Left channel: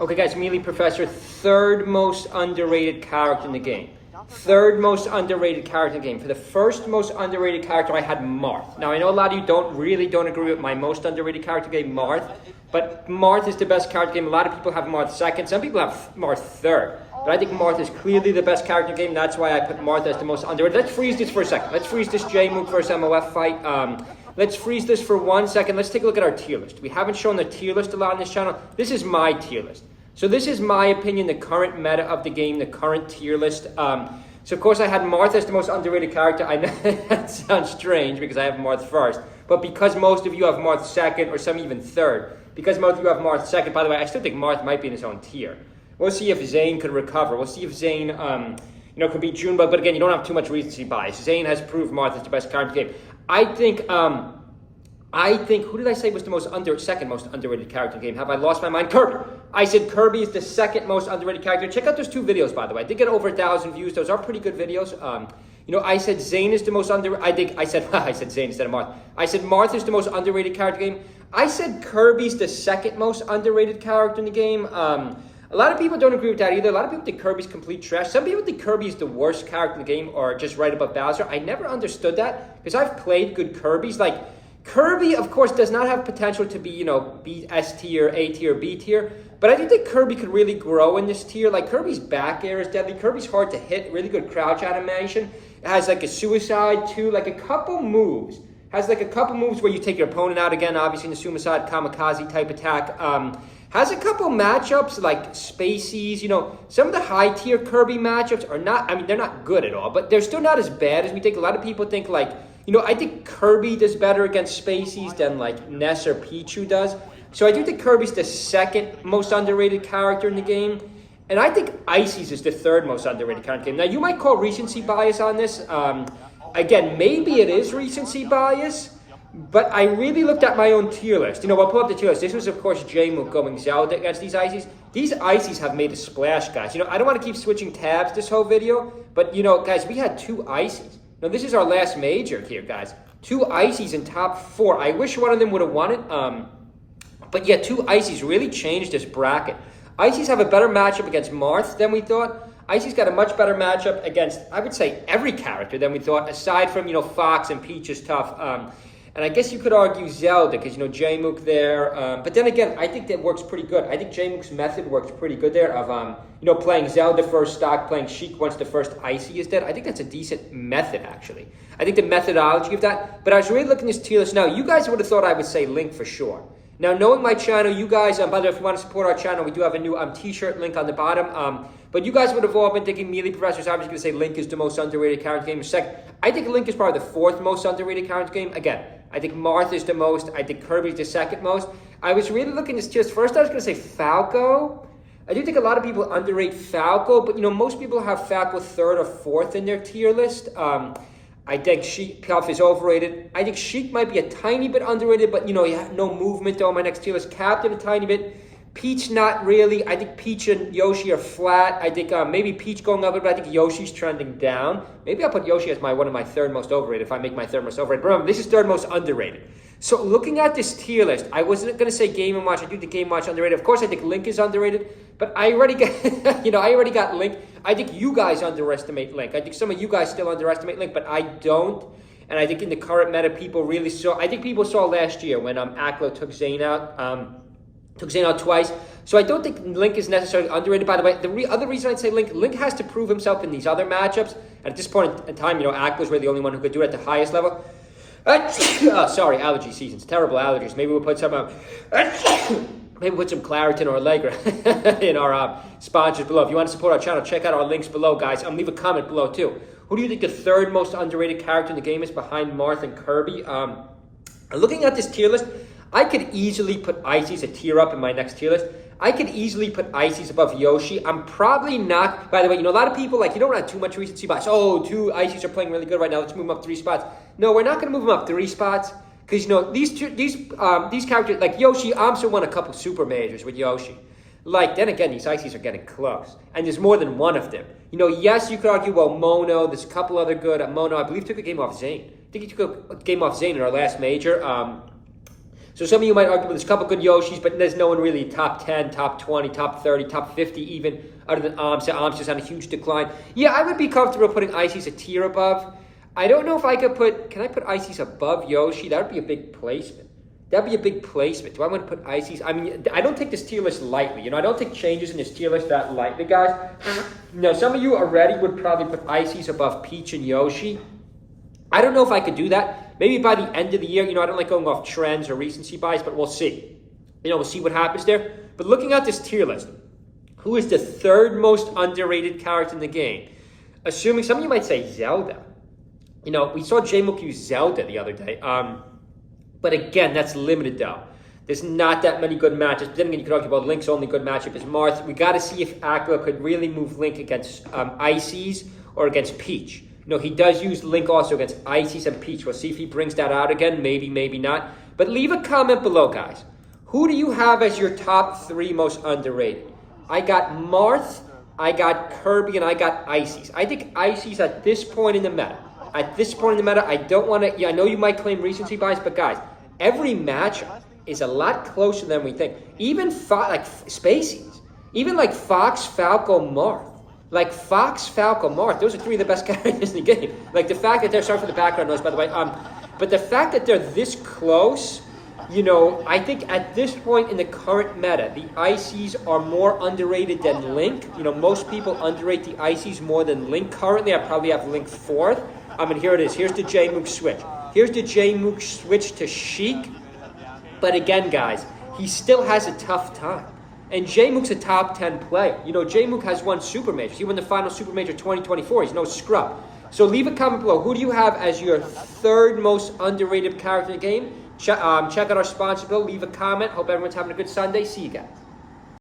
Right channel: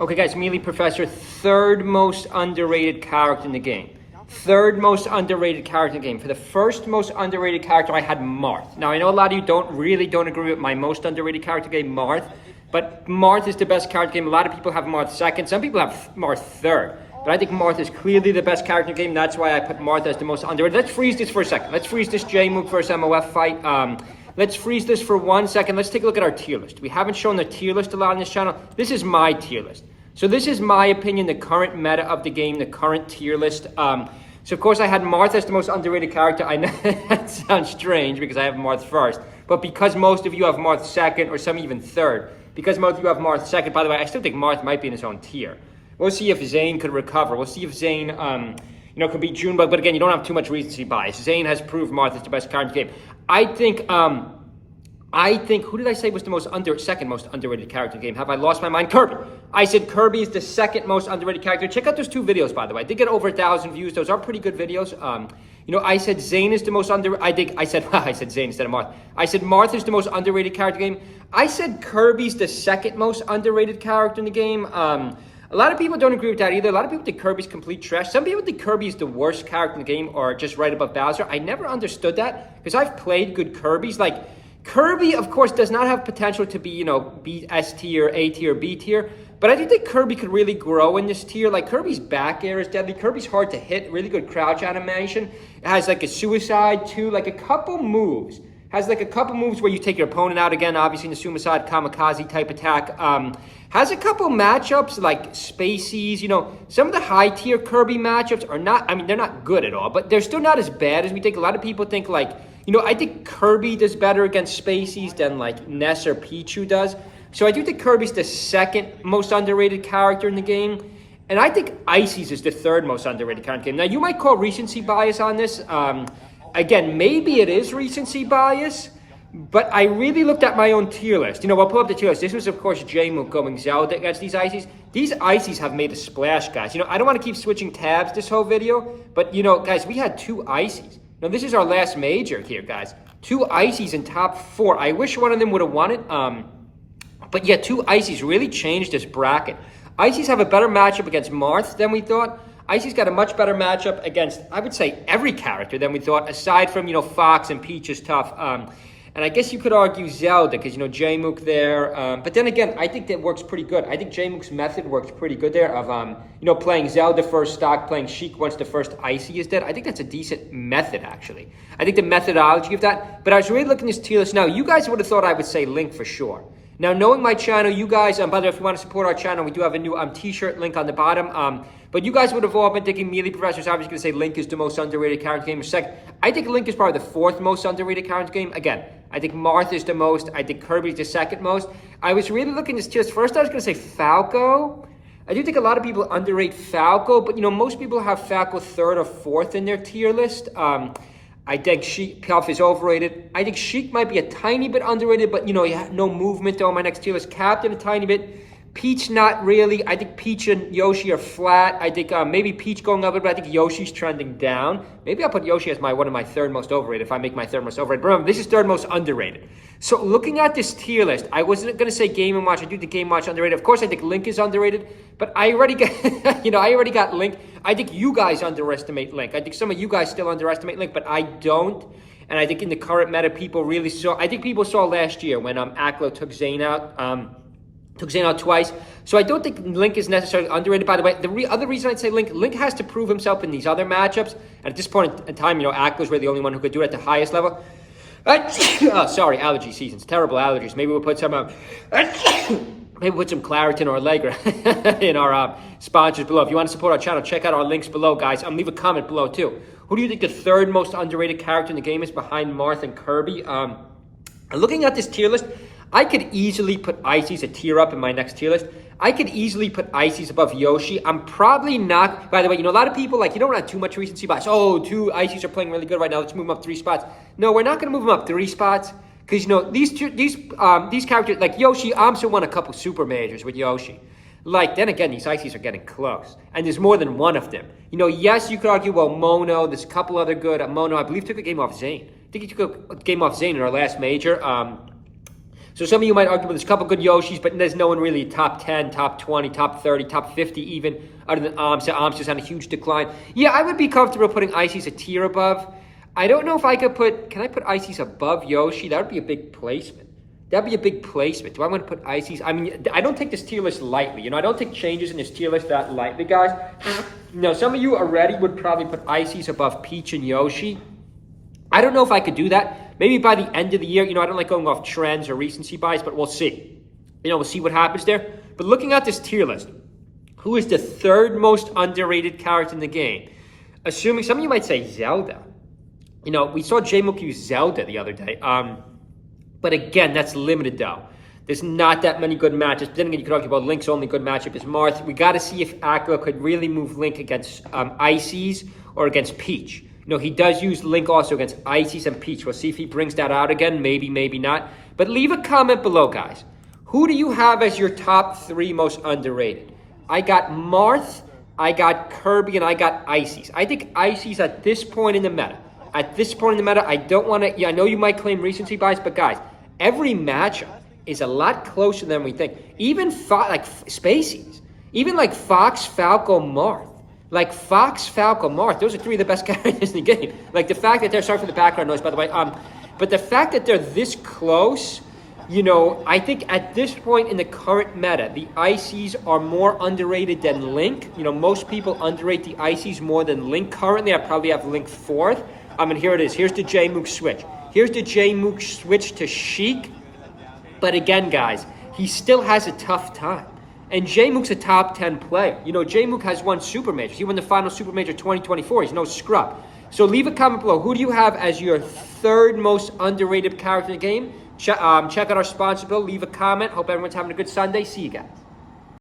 Okay, guys, Melee Professor, third most underrated character in the game. Third most underrated character in the game. For the first most underrated character, I had Marth. Now, I know a lot of you don't agree with my most underrated character game, Marth, but Marth is the best character game. A lot of people have Marth second. Some people have Marth third. But I think Marth is clearly the best character game. That's why I put Marth as the most underrated. Let's freeze this for a second. Let's freeze this J-Mook versus MOF fight. Let's freeze this for 1 second. Let's take a look at our tier list. We haven't shown the tier list a lot on this channel. This is my tier list. So this is my opinion, the current meta of the game, the current tier list. So of course I had Marth as the most underrated character. I know that sounds strange because I have Marth first. But because most of you have Marth second, or some even third, because most of you have Marth second, by the way, I still think Marth might be in his own tier. We'll see if Zane could recover. We'll see if Zane, could beat Junebug. But again, you don't have too much recency bias. Zane has proved Marth is the best character game. I think, who did I say was the second most underrated character in the game? Have I lost my mind? Kirby. I said Kirby is the second most underrated character. Check out those two videos, by the way. I did get over 1,000 views. Those are pretty good videos. I said Zane is the most I said Zane instead of Marth. I said Marth is the most underrated character in the game. I said Kirby's the second most underrated character in the game. A lot of people don't agree with that either. A lot of people think Kirby's complete trash. Some people think Kirby is the worst character in the game or just right above Bowser. I never understood that because I've played good Kirby's. Like, Kirby, of course, does not have potential to be, B, S tier, A tier, B tier. But I think that Kirby could really grow in this tier. Like, Kirby's back air is deadly. Kirby's hard to hit. Really good crouch animation. It has, like, a suicide, too. Like, a couple moves. Has, like, a couple moves where you take your opponent out again. Obviously, in the suicide, kamikaze type attack. Has a couple matchups, like Spaceys. Some of the high-tier Kirby matchups are not, they're not good at all. But they're still not as bad as we think. A lot of people think, like, I think Kirby does better against Spaceys than like Ness or Pichu does. So I do think Kirby's the second most underrated character in the game. And I think Icy's is the third most underrated character in the game. Now you might call recency bias on this. Again, maybe it is recency bias, but I really looked at my own tier list. We'll pull up the tier list. This was, of course, J-Mook going Zelda against these Icies. These Icies have made a splash, guys. I don't want to keep switching tabs this whole video, but, guys, we had two Icies. Now, this is our last major here, guys. Two Icies in top 4. I wish one of them would have won it. But yeah, two Icies really changed this bracket. Icies have a better matchup against Marth than we thought. Icy's got a much better matchup against, I would say, every character than we thought, aside from, Fox and Peach is tough. And I guess you could argue Zelda, because, J-Mook there. But then again, I think that works pretty good. I think J-Mook's method works pretty good there of, playing Zelda first stock, playing Sheik once the first Icy is dead. I think that's a decent method, actually. I think the methodology of that. But I was really looking at this tier list. Now, you guys would have thought I would say Link for sure. Now, knowing my channel, you guys, by the way, if you want to support our channel, we do have a new t-shirt link on the bottom. But you guys would have all been thinking Melee Professor's obviously going to say Link is the most underrated character game. Second, I think Link is probably the fourth most underrated character game. Again, I think Marth is the most. I think Kirby's the second most. I was really looking at this tier list. First, I was going to say Falco. I do think a lot of people underrate Falco, but, most people have Falco third or fourth in their tier list. I think Sheik Pelf is overrated. I think Sheik might be a tiny bit underrated, but, no movement on my next tier list. Captain a tiny bit. Peach, not really. I think Peach and Yoshi are flat. I think maybe Peach going up, but I think Yoshi's trending down. Maybe I'll put Yoshi as one of my third most overrated if I make my third most overrated. But remember, this is third most underrated. So looking at this tier list, I wasn't going to say Game & Watch. I do think Game & Watch underrated. Of course, I think Link is underrated, but I already got, I already got Link. I think you guys underestimate Link. I think some of you guys still underestimate Link, but I don't. And I think in the current meta, people really saw. I think people saw last year when Aklo took Zane out. Took Zane out twice. So I don't think Link is necessarily underrated. By the way, the other reason I'd say Link has to prove himself in these other matchups. And at this point in time, Aklo's really the only one who could do it at the highest level. Sorry, allergy season's terrible allergies. Maybe we'll put some maybe we'll put some Claritin or Allegra in our sponsors below. If you want to support our channel, check out our links below, guys. Leave a comment below too. Who do you think the third most underrated character in the game is behind Marth and Kirby? Looking at this tier list, I could easily put Icy's a tier up in my next tier list. I could easily put Icy's above Yoshi. I'm probably not, by the way, a lot of people, you don't have too much recency bias. Oh, two Icy's are playing really good right now. Let's move them up 3 spots. No, we're not going to move them up 3 spots. Because, these characters, like Yoshi, Amsa won a couple super majors with Yoshi. Then again, these Icy's are getting close. And there's more than one of them. Yes, you could argue, well, Mono, there's a couple other good. Mono, I believe, took a game off Zane. I think he took a game off Zane in our last major. So some of you might argue, there's a couple good Yoshis, but there's no one really top 10, top 20, top 30, top 50 even, other than Amsa. Amsa's on a huge decline. Yeah, I would be comfortable putting Icy's a tier above. I don't know if I could can I put Icy's above Yoshi? That would be a big placement. That'd be a big placement. Do I want to put Icy's? I mean, I don't take this tier list lightly. You know, I don't take changes in this tier list that lightly, guys. You know, some of you already would probably put Icy's above Peach and Yoshi. I don't know if I could do that. Maybe by the end of the year. You know, I don't like going off trends or recency bias, but we'll see. You know, we'll see what happens there. But looking at this tier list, who is the third most underrated character in the game? Assuming some of you might say Zelda. You know, we saw J-Mook use Zelda the other day. But again, that's limited though. There's not that many good matchups. But then again, you can argue about Link's only good matchup is Marth. We got to see if Aqua could really move Link against Ices or against Peach. You know, he does use Link also against Ices and Peach. We'll see if he brings that out again. Maybe, maybe not. But leave a comment below, guys. Who do you have as your top 3 most underrated? I got Marth, I got Kirby, and I got Ices. I think Ices at this point in the meta. At this point in the meta, I don't want to... Yeah, I know you might claim recency bias, but guys, every matchup is a lot closer than we think. Even like Spacies. Even like Fox, Falco, Marth. Like Fox, Falco, Marth. Those are 3 of the best characters in the game. Like the fact that they're... Sorry for the background noise, by the way. But the fact that they're this close... You know, I think at this point in the current meta, the Ices are more underrated than Link. You know, most people underrate the Ices more than Link currently. I probably have Link 4th. And here it is. Here's the J-Mook switch. Here's the J-Mook switch to Sheik. But again, guys, he still has a tough time. And J-Mook's a top 10 player. You know, J-Mook has won Super Majors. He won the final Super Major 2024. He's no scrub. So leave a comment below. Who do you have as your 3rd most underrated character in the game? Check out our sponsor bill. Leave a comment. Hope everyone's having a good Sunday. See you guys.